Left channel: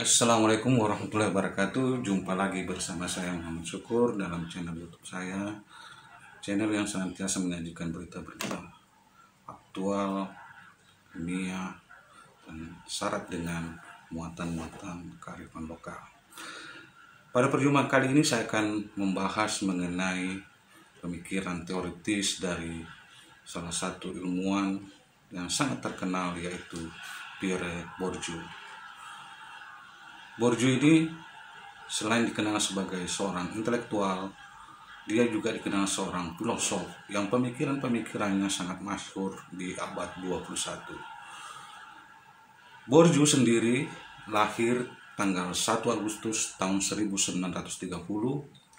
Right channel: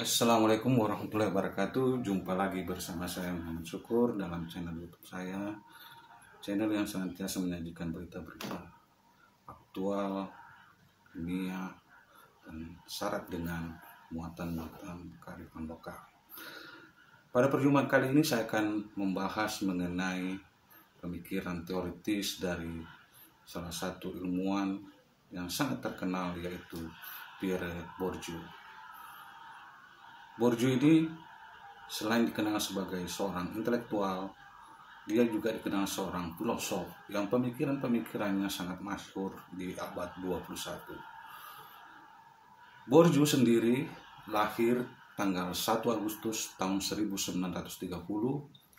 Assalamualaikum warahmatullahi wabarakatuh. Jumpa lagi bersama saya Muhammad Syukur dalam channel YouTube saya, channel yang senantiasa menyajikan berita-berita aktual, dunia, dan syarat dengan muatan-muatan kearifan lokal. Pada perjumpaan kali ini saya akan membahas mengenai pemikiran teoritis dari salah satu ilmuwan yang sangat terkenal, yaitu Pierre Bourdieu. Bourdieu ini selain dikenal sebagai seorang intelektual, dia juga dikenal seorang filosof yang pemikiran-pemikirannya sangat masyhur di abad 21. Bourdieu sendiri lahir tanggal 1 Agustus tahun 1930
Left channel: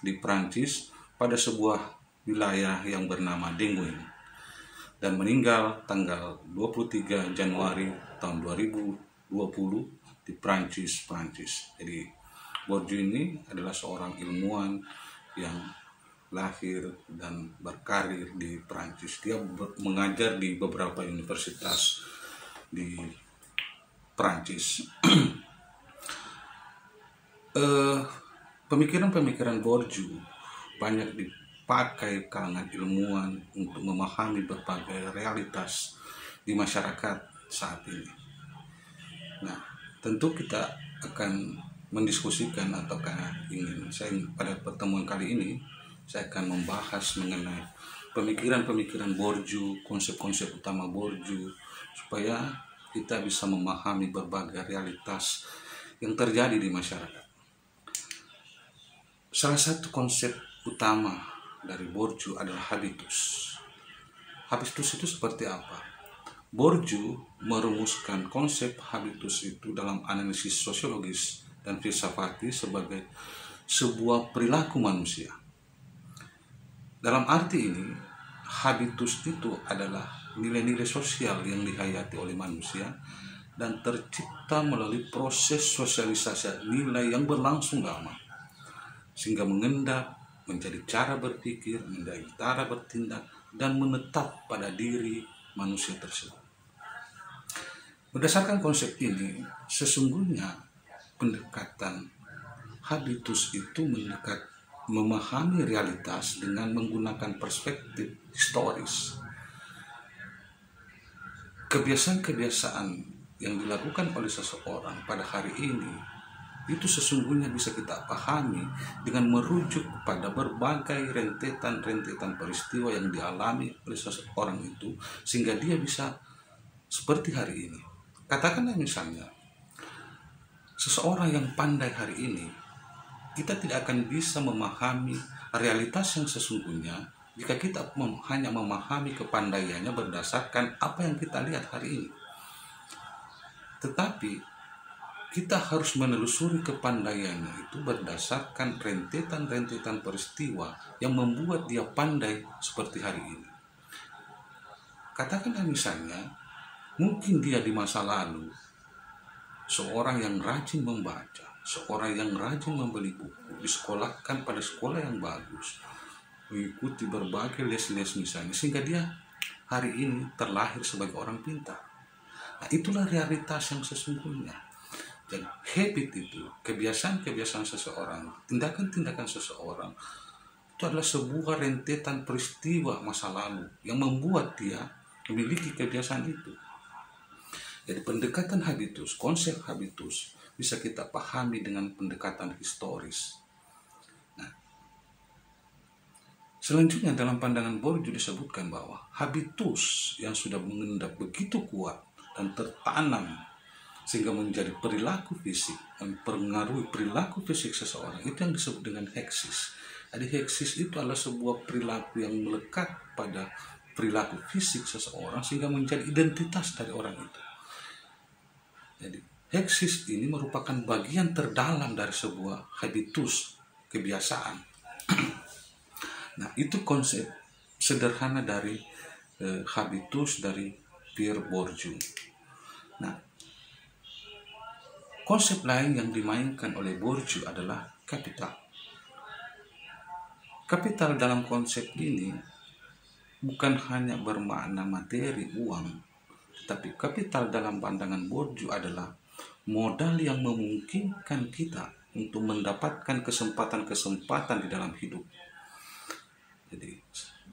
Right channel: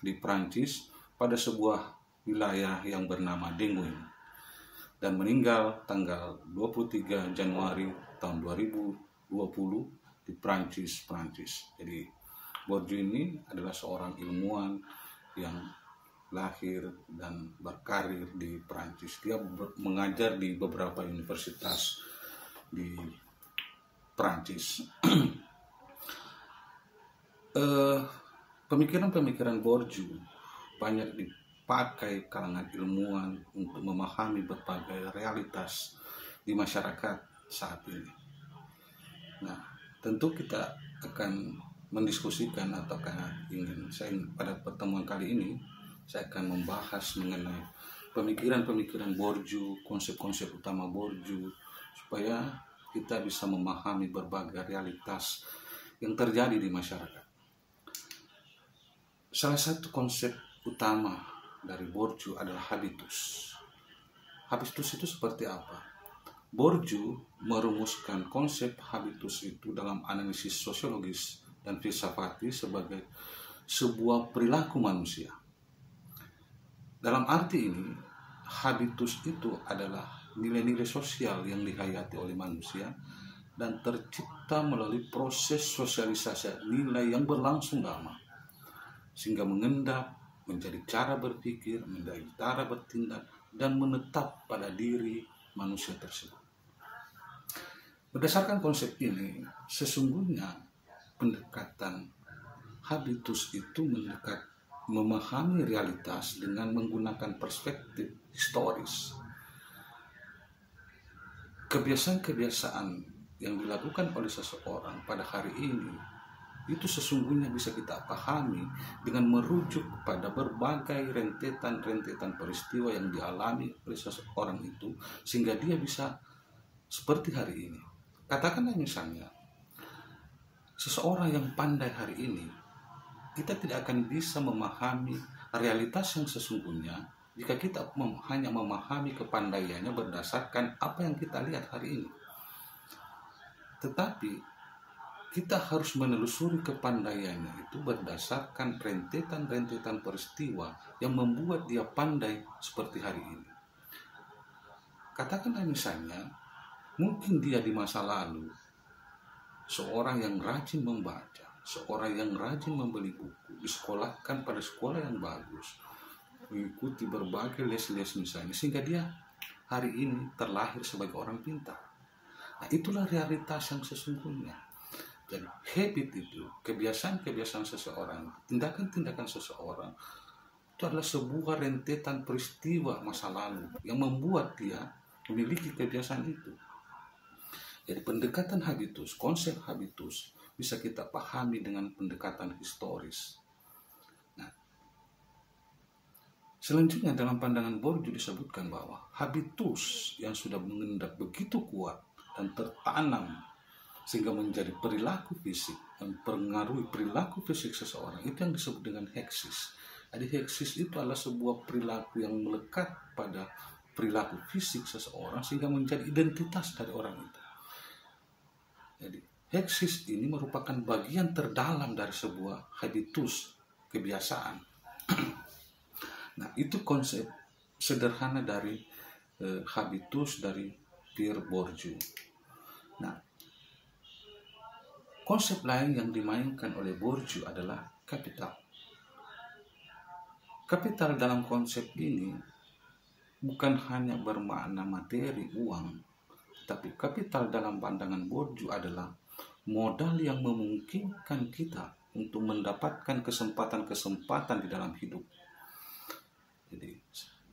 di Prancis pada sebuah wilayah yang bernama Dinguin, dan meninggal tanggal 23 Januari tahun 2020 di Prancis. Jadi Bourdieu ini adalah seorang ilmuwan yang lahir dan berkarir di Prancis. Dia mengajar di beberapa universitas di Prancis. Pemikiran-pemikiran Bourdieu banyak dipakai kalangan ilmuwan untuk memahami berbagai realitas di masyarakat saat ini. Nah, tentu kita akan mendiskusikan pada pertemuan kali ini saya akan membahas mengenai pemikiran-pemikiran Bourdieu, konsep-konsep utama Bourdieu, supaya kita bisa memahami berbagai realitas yang terjadi di masyarakat. Salah satu konsep utama dari Bourdieu adalah habitus. Habitus itu seperti apa? Bourdieu merumuskan konsep habitus itu dalam analisis sosiologis dan filsafati sebagai sebuah perilaku manusia. Dalam arti ini, habitus itu adalah nilai-nilai sosial yang dihayati oleh manusia dan tercipta melalui proses sosialisasi nilai yang berlangsung lama, sehingga mengendap menjadi cara berpikir, menjadi cara bertindak, dan menetap pada diri manusia tersebut. Berdasarkan konsep ini, sesungguhnya pendekatan habitus itu memahami realitas dengan menggunakan perspektif historis. Kebiasaan-kebiasaan yang dilakukan oleh seseorang pada hari ini itu sesungguhnya bisa kita pahami dengan merujuk kepada berbagai rentetan peristiwa yang dialami oleh seseorang itu, sehingga dia bisa seperti hari ini. Katakanlah misalnya seseorang yang pandai hari ini, kita tidak akan bisa memahami realitas yang sesungguhnya jika kita hanya memahami kepandaiannya berdasarkan apa yang kita lihat hari ini. Tetapi kita harus menelusuri kepandaiannya itu berdasarkan rentetan peristiwa yang membuat dia pandai seperti hari ini. Katakanlah misalnya, mungkin dia di masa lalu seorang yang rajin membaca, seorang yang rajin membeli buku, disekolahkan pada sekolah yang bagus, mengikuti berbagai les-les misalnya, sehingga dia hari ini terlahir sebagai orang pintar. Nah, itulah realitas yang sesungguhnya. Dan habit itu, kebiasaan-kebiasaan seseorang, tindakan-tindakan seseorang, itu adalah sebuah rentetan peristiwa masa lalu yang membuat dia memiliki kebiasaan itu. Jadi pendekatan habitus, konsep habitus bisa kita pahami dengan pendekatan historis. Nah, selanjutnya dalam pandangan Bourdieu disebutkan bahwa habitus yang sudah mengendap begitu kuat dan tertanam sehingga menjadi perilaku fisik, mempengaruhi perilaku fisik seseorang, itu yang disebut dengan heksis. Jadi heksis itu adalah sebuah perilaku yang melekat pada perilaku fisik seseorang sehingga menjadi identitas dari orang itu. Jadi heksis ini merupakan bagian terdalam dari sebuah habitus, kebiasaan. Nah, itu konsep sederhana dari habitus dari Pierre Bourdieu. Nah, konsep lain yang dimainkan oleh Bourdieu adalah kapital. Kapital dalam konsep ini bukan hanya bermakna materi, uang, tetapi kapital dalam pandangan Bourdieu adalah modal yang memungkinkan kita untuk mendapatkan kesempatan-kesempatan di dalam hidup. Jadi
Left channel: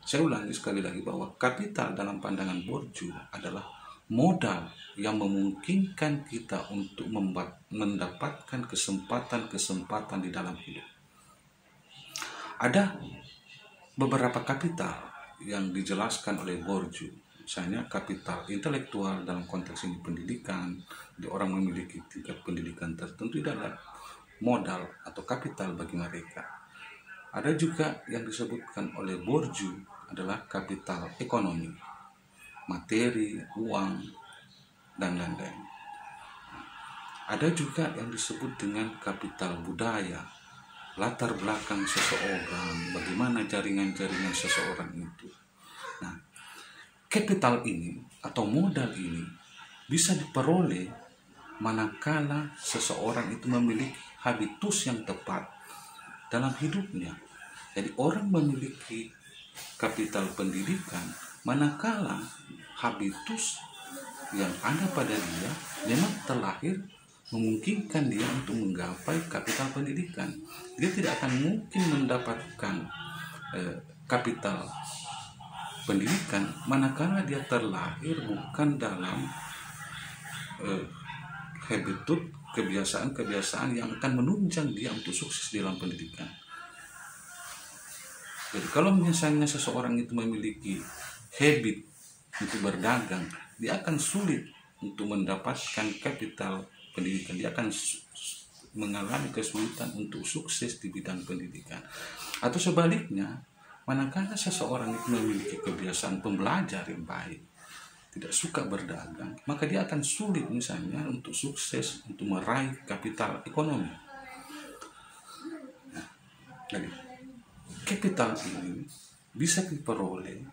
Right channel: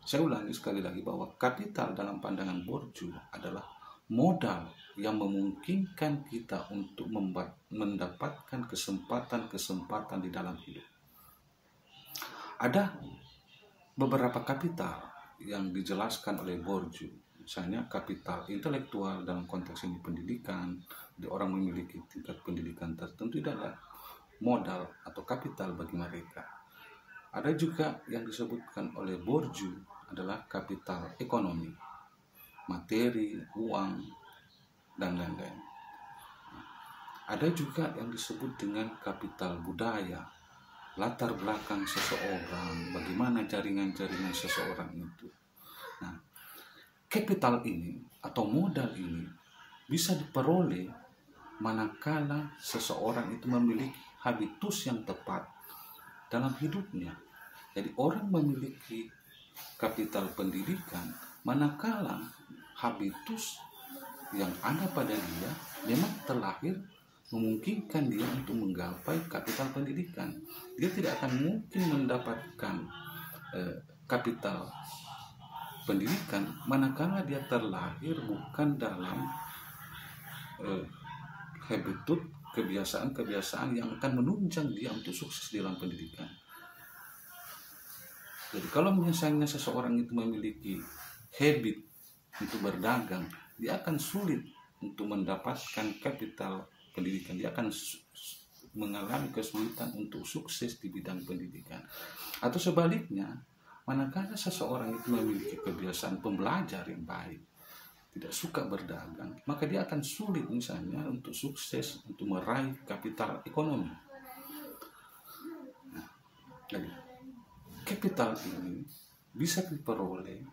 saya ulangi sekali lagi bahwa kapital dalam pandangan Bourdieu adalah modal yang memungkinkan kita untuk mendapatkan kesempatan-kesempatan di dalam hidup. Ada beberapa kapital yang dijelaskan oleh Bourdieu, misalnya kapital intelektual dalam konteks ini pendidikan, di orang memiliki tingkat pendidikan tertentu adalah modal atau kapital bagi mereka. Ada juga yang disebutkan oleh Bourdieu adalah kapital ekonomi, materi, uang, dan lain-lain. Ada juga yang disebut dengan kapital budaya, latar belakang seseorang, bagaimana jaringan-jaringan seseorang itu. Nah, kapital ini atau modal ini bisa diperoleh manakala seseorang itu memiliki habitus yang tepat dalam hidupnya. Jadi orang memiliki kapital pendidikan manakala habitus yang ada pada dia memang terlahir memungkinkan dia untuk menggapai kapital pendidikan. Dia tidak akan mungkin mendapatkan kapital pendidikan manakala dia terlahir bukan dalam habitus, kebiasaan-kebiasaan yang akan menunjang dia untuk sukses dalam pendidikan. Jadi kalau misalnya seseorang itu memiliki habit untuk berdagang, dia akan sulit untuk mendapatkan kapital pendidikan. Dia akan mengalami kesulitan untuk sukses di bidang pendidikan. Atau sebaliknya, manakala seseorang itu memiliki kebiasaan pembelajar yang baik, tidak suka berdagang, maka dia akan sulit misalnya untuk sukses, untuk meraih kapital ekonomi. Nah, jadi kapital ini bisa diperoleh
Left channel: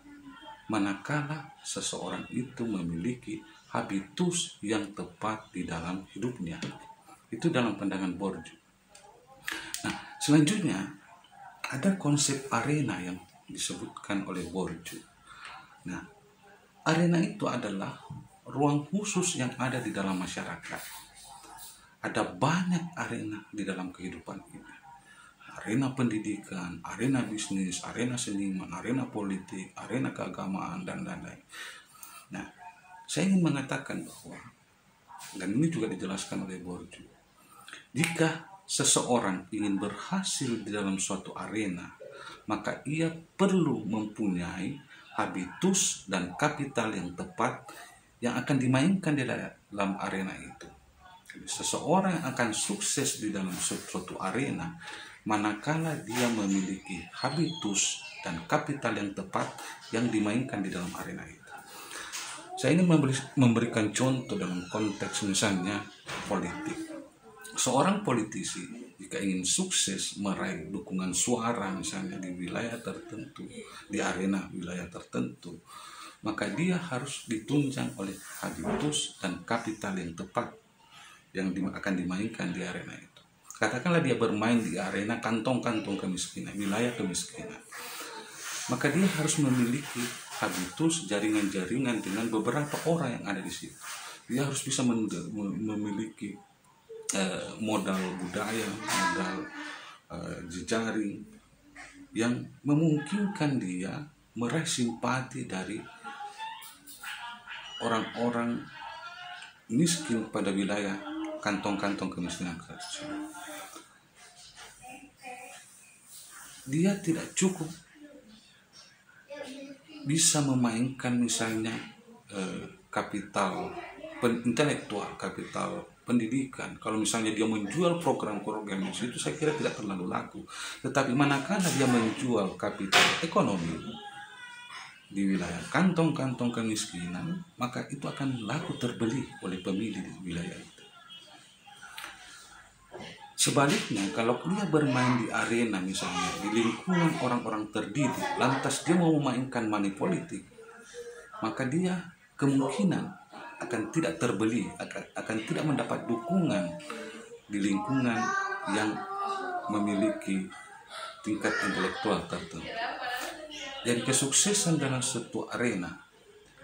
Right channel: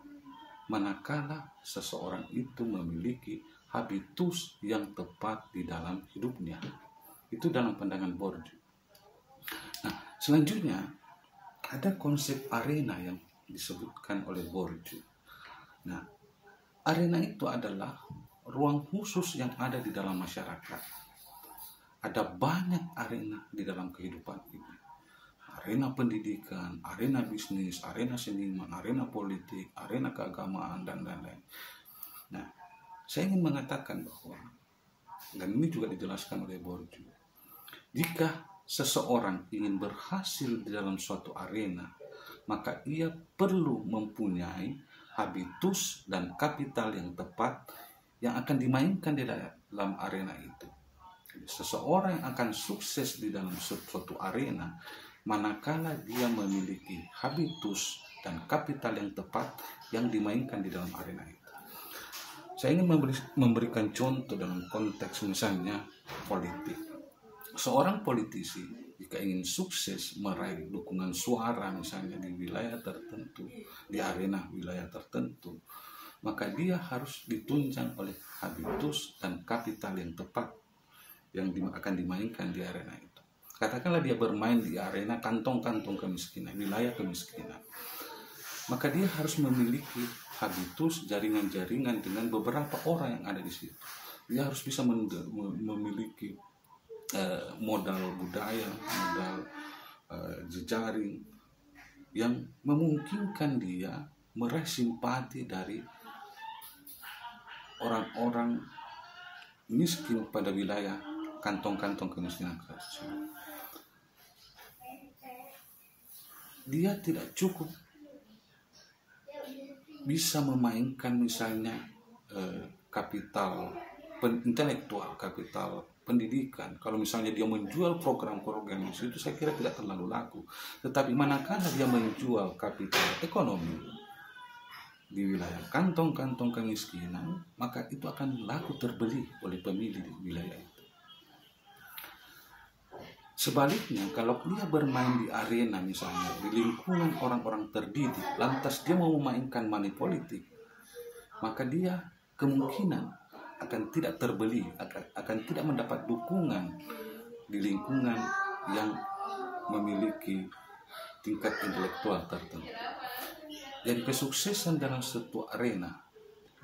manakala seseorang itu memiliki habitus yang tepat di dalam hidupnya. Itu dalam pandangan Bourdieu. Nah, selanjutnya ada konsep arena yang disebutkan oleh Bourdieu. Nah, arena itu adalah ruang khusus yang ada di dalam masyarakat. Ada banyak arena di dalam kehidupan ini. Arena pendidikan, arena bisnis, arena seniman, arena politik, arena keagamaan, dan lain-lain. Nah, saya ingin mengatakan bahwa, dan ini juga dijelaskan oleh Bourdieu, jika seseorang ingin berhasil di dalam suatu arena, maka ia perlu mempunyai habitus dan kapital yang tepat yang akan dimainkan di dalam arena itu. Jadi, seseorang yang akan sukses di dalam suatu arena manakala dia memiliki habitus dan kapital yang tepat yang dimainkan di dalam arena itu. Saya ingin memberikan contoh dalam konteks misalnya politik. Seorang politisi jika ingin sukses meraih dukungan suara misalnya di wilayah tertentu, di arena wilayah tertentu, maka dia harus ditunjang oleh habitus dan kapital yang tepat yang akan dimainkan di arena itu. Katakanlah dia bermain di arena kantong-kantong kemiskinan, wilayah kemiskinan, maka dia harus memiliki habitus, jaringan-jaringan dengan beberapa orang yang ada di situ. Dia harus bisa memiliki modal budaya, modal jejaring yang memungkinkan dia meraih simpati dari orang-orang miskin pada wilayah kantong-kantong kemiskinan tersebut. Dia tidak cukup bisa memainkan misalnya kapital intelektual, kapital pendidikan. Kalau misalnya dia menjual program-program itu saya kira tidak terlalu laku. Tetapi manakala dia menjual kapital ekonomi di wilayah kantong-kantong kemiskinan, maka itu akan laku terbeli oleh pemilih di wilayah itu. Sebaliknya, kalau dia bermain di arena misalnya di lingkungan orang-orang terdidik, lantas dia mau memainkan money politik, maka dia kemungkinan akan tidak terbeli, akan tidak mendapat dukungan di lingkungan yang memiliki tingkat intelektual tertentu. Jadi kesuksesan dalam suatu arena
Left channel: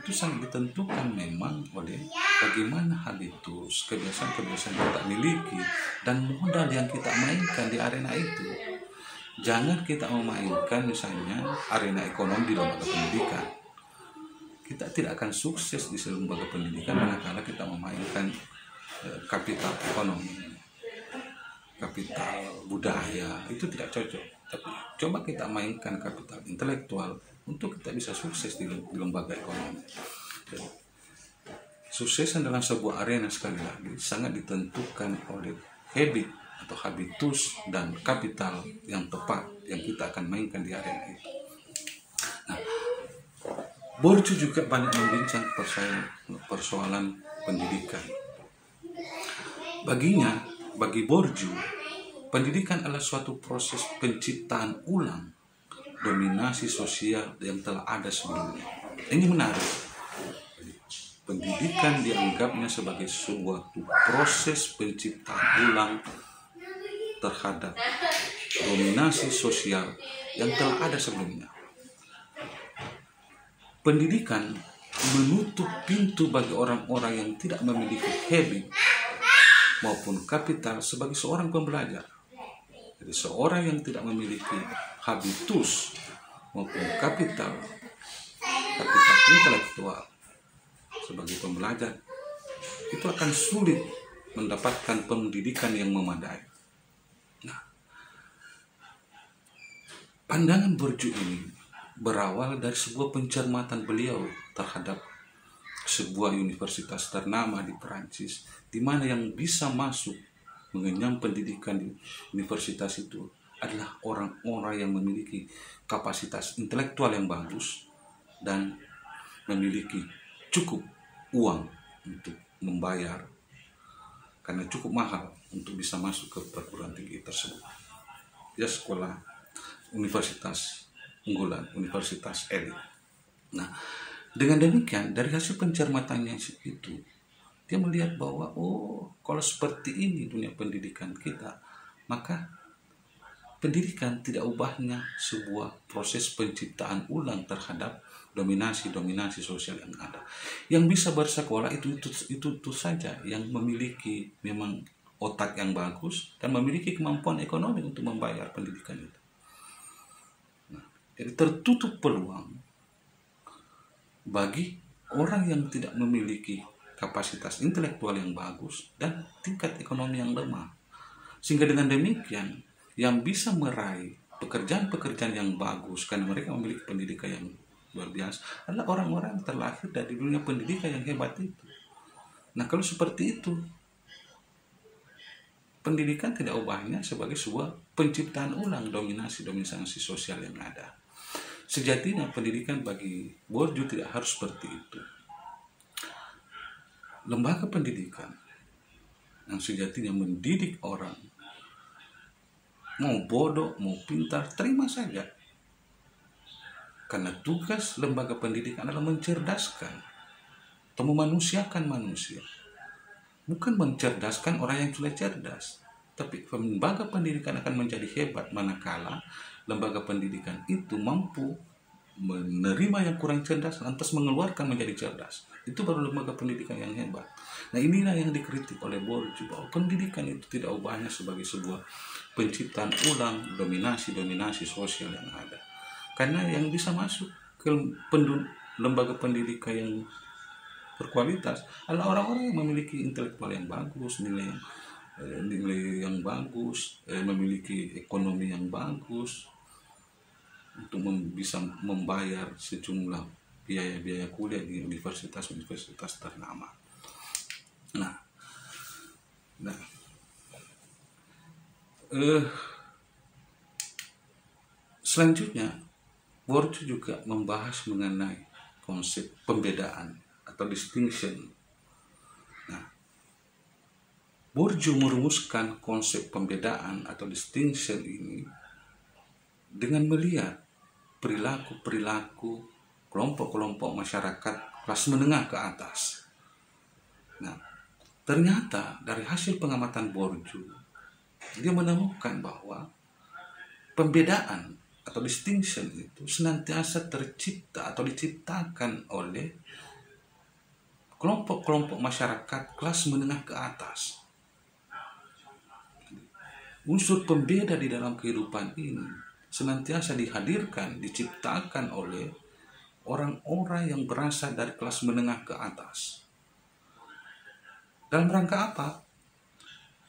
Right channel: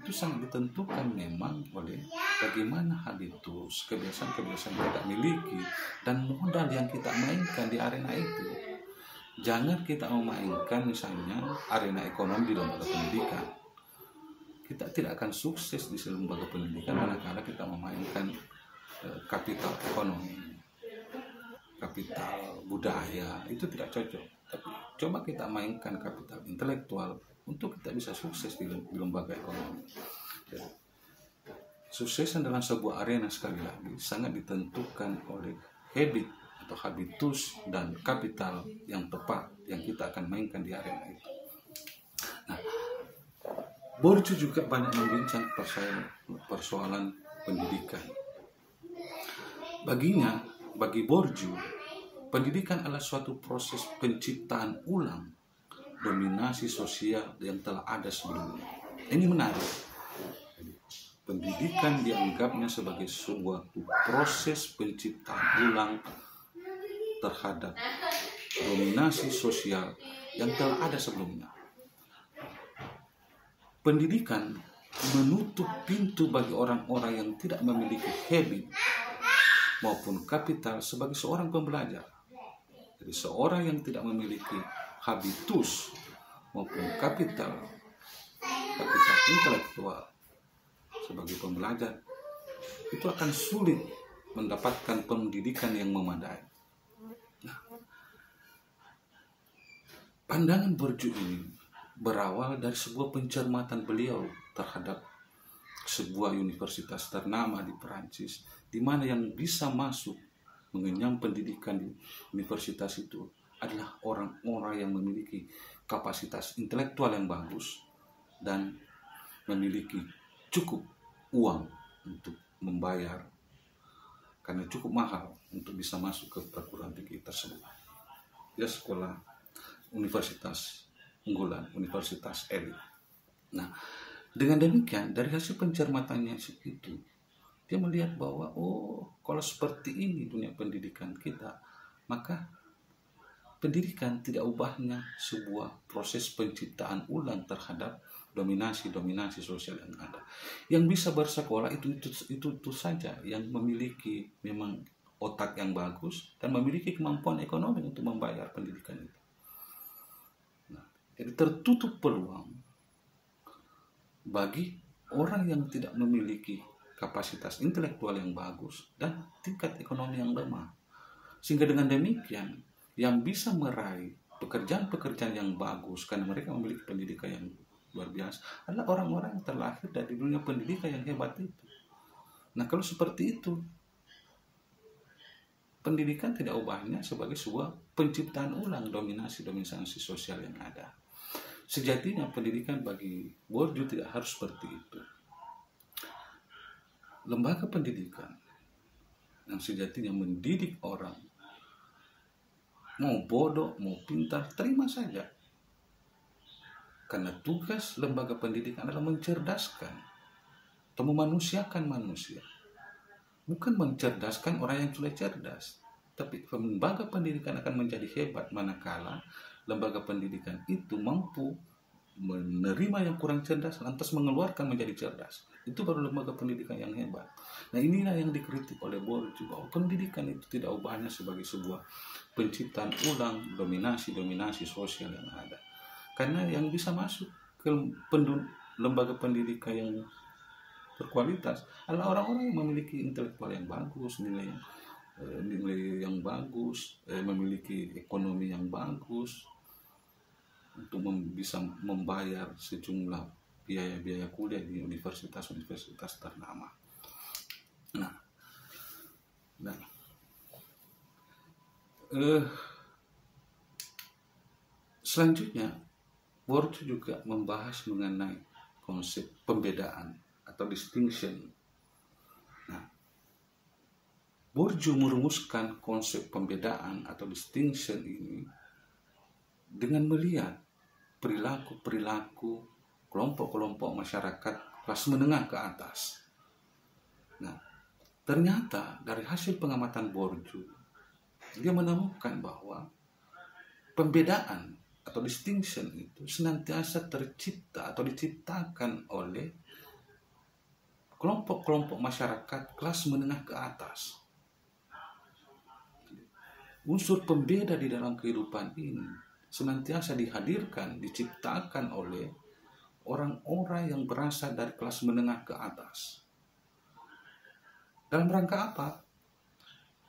itu sangat ditentukan memang oleh bagaimana habitus, kebiasaan-kebiasaan yang kita miliki, dan modal yang kita mainkan di arena itu. Jangan kita memainkan misalnya arena ekonomi di lembaga pendidikan. Kita tidak akan sukses di lembaga pendidikan manakala kita memainkan kapital ekonomi, kapital budaya, itu tidak cocok. Tapi coba kita mainkan kapital intelektual untuk kita bisa sukses di lembaga ekonomi. Suksesan dalam sebuah arena sekali lagi sangat ditentukan oleh habit atau habitus dan kapital yang tepat yang kita akan mainkan di arena itu. Nah, Bourdieu juga banyak membincang persoalan pendidikan. Bagi Bourdieu, pendidikan adalah suatu proses penciptaan ulang dominasi sosial yang telah ada sebelumnya. Ini menarik. Pendidikan dianggapnya sebagai sebuah proses penciptaan ulang terhadap dominasi sosial yang telah ada sebelumnya. Pendidikan menutup pintu bagi orang-orang yang tidak memiliki habit maupun kapital sebagai seorang pembelajar. Jadi seorang yang tidak memiliki habitus maupun kapital intelektual sebagai pembelajar itu akan sulit mendapatkan pendidikan yang memadai. Nah, pandangan Bourdieu ini berawal dari sebuah pencermatan beliau terhadap sebuah universitas ternama di Perancis, di mana yang bisa masuk mengenyam pendidikan di universitas itu adalah orang-orang yang memiliki kapasitas intelektual yang bagus dan memiliki cukup uang untuk membayar, karena cukup mahal untuk bisa masuk ke perguruan tinggi tersebut. Dia sekolah universitas unggulan, universitas elit. Nah, dengan demikian dari hasil pencermatannya itu, dia melihat bahwa kalau seperti ini dunia pendidikan kita, maka pendidikan tidak ubahnya sebuah proses penciptaan ulang terhadap dominasi sosial yang ada. Yang bisa bersekolah itu saja yang memiliki memang otak yang bagus dan memiliki kemampuan ekonomi untuk membayar pendidikan itu. Nah, jadi tertutup peluang bagi orang yang tidak memiliki kapasitas intelektual yang bagus dan tingkat ekonomi yang lemah. Sehingga dengan demikian yang bisa meraih pekerjaan-pekerjaan yang bagus karena mereka memiliki pendidikan yang luar biasa adalah orang-orang yang terlahir dari dunia pendidikan yang hebat itu. Nah, kalau seperti itu, pendidikan tidak ubahnya sebagai sebuah penciptaan ulang dominasi sosial yang ada. Sejatinya pendidikan bagi Bourdieu tidak harus seperti itu. Lembaga pendidikan yang sejatinya mendidik orang, mau bodoh, mau pintar, terima saja. Karena tugas lembaga pendidikan adalah mencerdaskan atau memanusiakan manusia. Bukan mencerdaskan orang yang sudah cerdas. Tapi lembaga pendidikan akan menjadi hebat manakala lembaga pendidikan itu mampu menerima yang kurang cerdas, lantas mengeluarkan menjadi cerdas. Itu baru lembaga pendidikan yang hebat. Nah, inilah yang dikritik oleh Bourdieu, bahwa pendidikan itu tidak ubahnya sebagai sebuah penciptaan ulang dominasi sosial yang ada. Karena yang bisa masuk ke lembaga pendidikan yang berkualitas adalah orang-orang yang memiliki intelektual yang bagus, nilai yang bagus, memiliki ekonomi yang bagus untuk bisa membayar sejumlah biaya kuliah di universitas ternama. Nah, selanjutnya Bourdieu juga membahas mengenai konsep pembedaan atau distinction. Nah, Bourdieu merumuskan konsep pembedaan atau distinction ini dengan melihat perilaku kelompok-kelompok masyarakat kelas menengah ke atas. Nah, ternyata dari hasil pengamatan Bourdieu, dia menemukan bahwa pembedaan atau distinction itu senantiasa tercipta atau diciptakan oleh kelompok-kelompok masyarakat kelas menengah ke atas. Unsur pembeda di dalam kehidupan ini senantiasa dihadirkan, diciptakan oleh orang-orang yang berasal dari kelas menengah ke atas. Dalam rangka apa?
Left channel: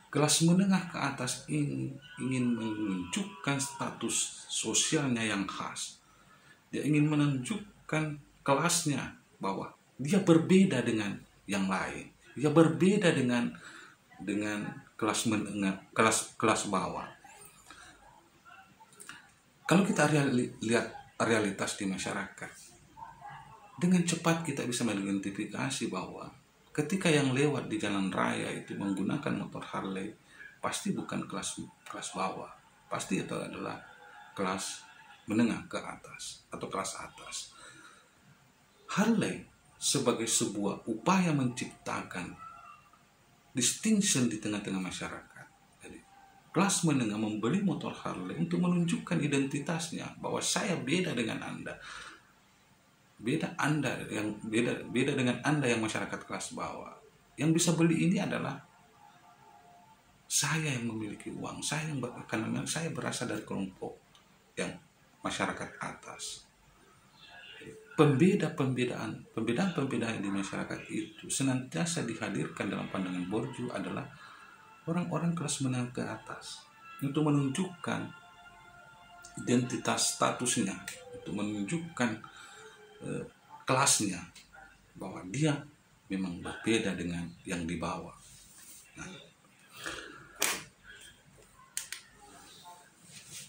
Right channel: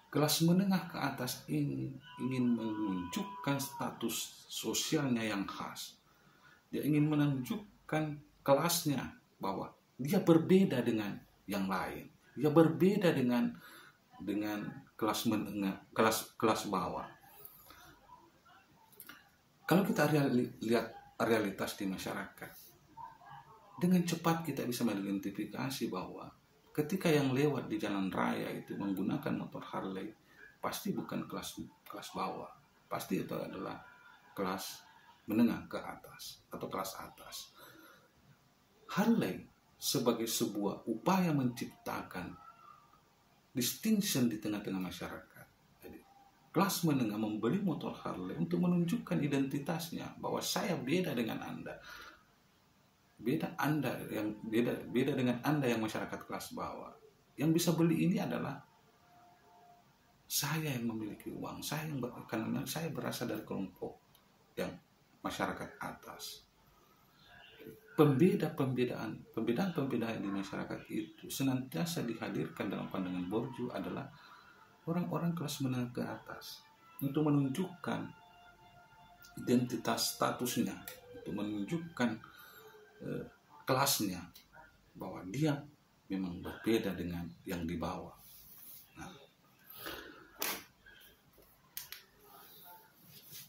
Kelas menengah ke atas ini ingin menunjukkan status sosialnya yang khas. Dia ingin menunjukkan kelasnya, bahwa dia berbeda dengan yang lain. Dia berbeda dengan kelas menengah, kelas bawah. Kalau kita lihat realitas di masyarakat, dengan cepat kita bisa mengidentifikasi bahwa ketika yang lewat di jalan raya itu menggunakan motor Harley, pasti bukan kelas bawah, pasti itu adalah kelas menengah ke atas atau kelas atas. Harley sebagai sebuah upaya menciptakan distinction di tengah-tengah masyarakat. Jadi, kelas menengah membeli motor Harley untuk menunjukkan identitasnya, bahwa saya beda dengan Anda. Beda dengan Anda yang masyarakat kelas bawah. Yang bisa beli ini adalah saya yang memiliki uang, karena saya berasal dari kelompok yang masyarakat atas. Pembedaan di masyarakat itu senantiasa dihadirkan dalam pandangan Bourdieu adalah orang-orang kelas menengah ke atas, untuk menunjukkan identitas statusnya, untuk menunjukkan kelasnya, bahwa dia memang berbeda dengan yang di bawah. Nah,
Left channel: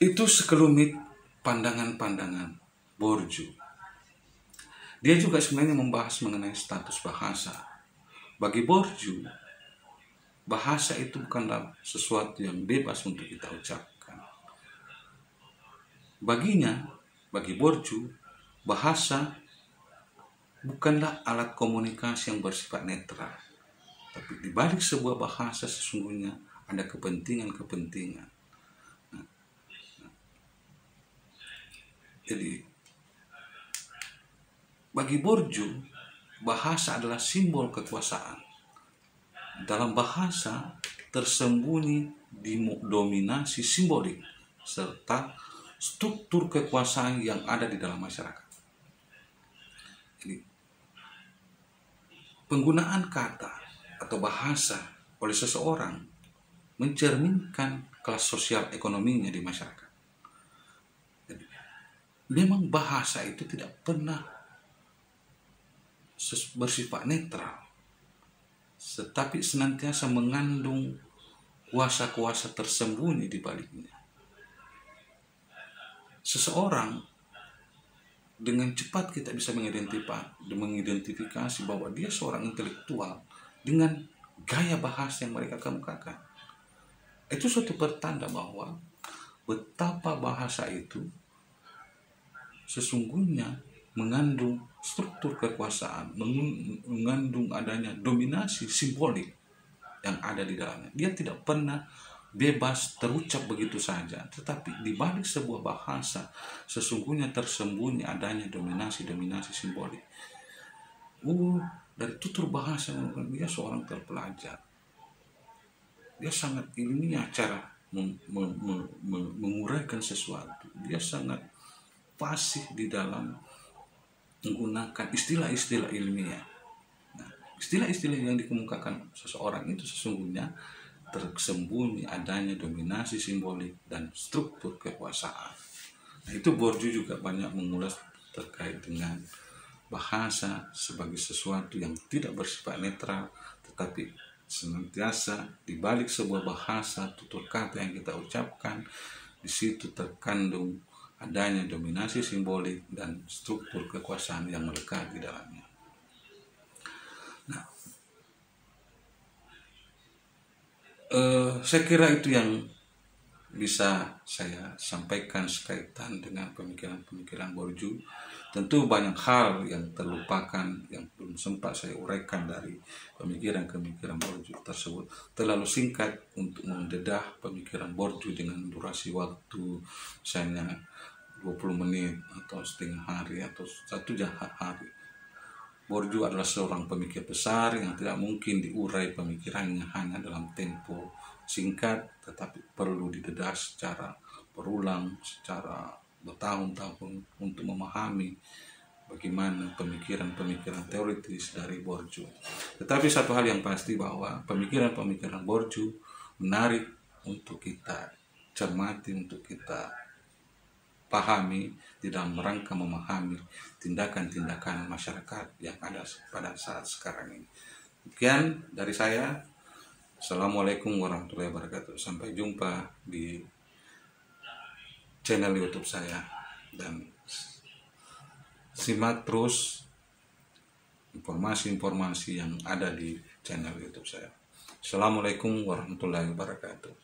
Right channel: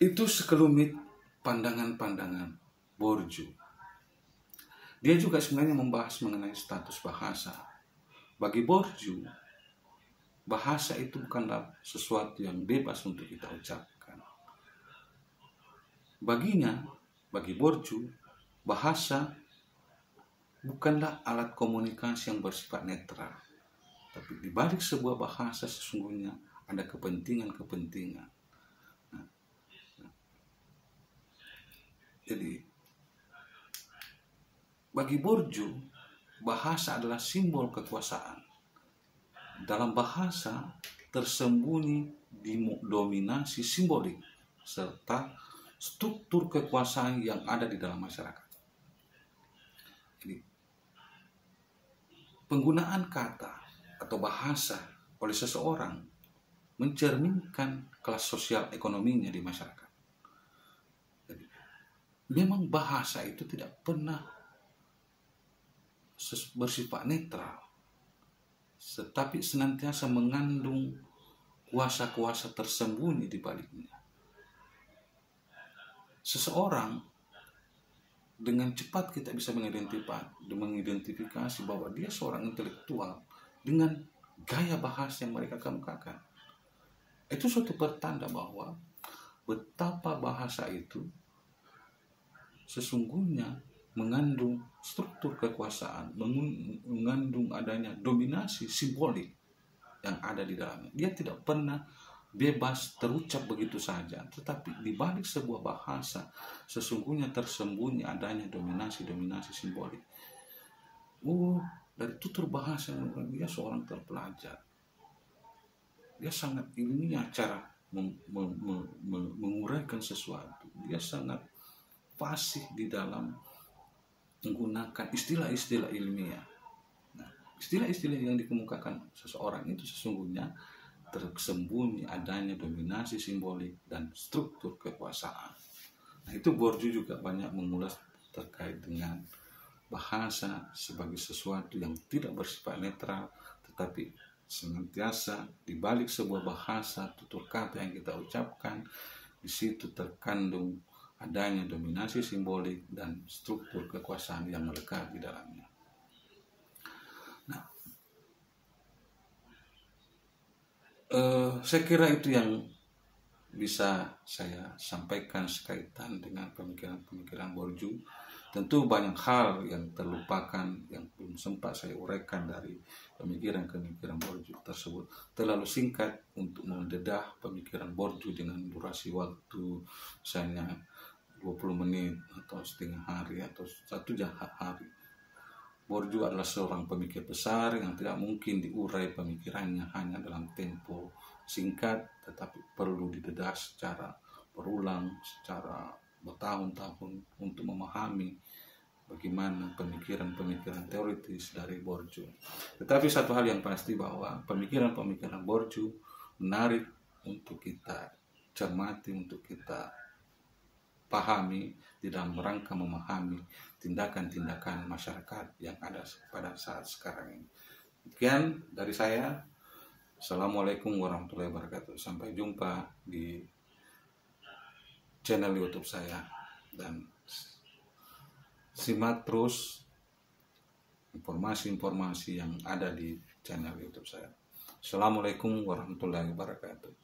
itu sekelumit pandangan-pandangan Bourdieu. Dia juga sebenarnya membahas mengenai status bahasa. Bagi Bourdieu, bahasa itu bukanlah sesuatu yang bebas untuk kita ucapkan. Bagi Bourdieu, bahasa bukanlah alat komunikasi yang bersifat netral, tapi di balik sebuah bahasa sesungguhnya ada kepentingan-kepentingan. Jadi bagi Bourdieu, bahasa adalah simbol kekuasaan. Dalam bahasa tersembunyi dominasi simbolik serta struktur kekuasaan yang ada di dalam masyarakat. Jadi, penggunaan kata atau bahasa oleh seseorang mencerminkan kelas sosial ekonominya di masyarakat. Jadi, memang bahasa itu tidak pernah bersifat netral, tetapi senantiasa mengandung kuasa-kuasa tersembunyi di baliknya. Seseorang dengan cepat kita bisa mengidentifikasi bahwa dia seorang intelektual dengan gaya bahasa yang mereka kemukakan. Itu suatu pertanda bahwa betapa bahasa itu sesungguhnya mengandung struktur kekuasaan, mengandung adanya dominasi simbolik yang ada di dalamnya. Dia tidak pernah bebas terucap begitu saja, tetapi di balik sebuah bahasa sesungguhnya tersembunyi adanya dominasi simbolik. Dari tutur bahasa dia seorang terpelajar. Dia sangat ilmiah cara menguraikan sesuatu. Dia sangat fasih di dalam menggunakan istilah-istilah ilmiah. Nah, istilah-istilah yang dikemukakan seseorang itu sesungguhnya tersembunyi adanya dominasi simbolik dan struktur kekuasaan. Nah, itu Bourdieu juga banyak mengulas terkait dengan bahasa sebagai sesuatu yang tidak bersifat netral, tetapi senantiasa di balik sebuah bahasa, tutur kata yang kita ucapkan, di situ terkandung adanya dominasi simbolik dan struktur kekuasaan yang melekat di dalamnya. Nah, saya kira itu yang bisa saya sampaikan sekaitan dengan pemikiran-pemikiran Bourdieu. Tentu banyak hal yang terlupakan, yang belum sempat saya uraikan dari pemikiran-pemikiran Bourdieu tersebut. Terlalu singkat untuk mendedah pemikiran Bourdieu dengan durasi waktu misalnya 20 menit atau setengah hari atau 1 hari. Borju adalah seorang pemikir besar yang tidak mungkin diurai pemikirannya hanya dalam tempo singkat, tetapi perlu didedas secara berulang, secara bertahun-tahun untuk memahami bagaimana pemikiran-pemikiran teoritis dari Borju. Tetapi satu hal yang pasti bahwa pemikiran-pemikiran Borju menarik untuk kita cermati, untuk kita pahami di dalam rangka memahami tindakan-tindakan masyarakat yang ada pada saat sekarang ini. Sekian dari saya. Assalamualaikum warahmatullahi wabarakatuh. Sampai jumpa di channel YouTube saya dan simak terus informasi-informasi yang ada di channel YouTube saya. Assalamualaikum warahmatullahi wabarakatuh.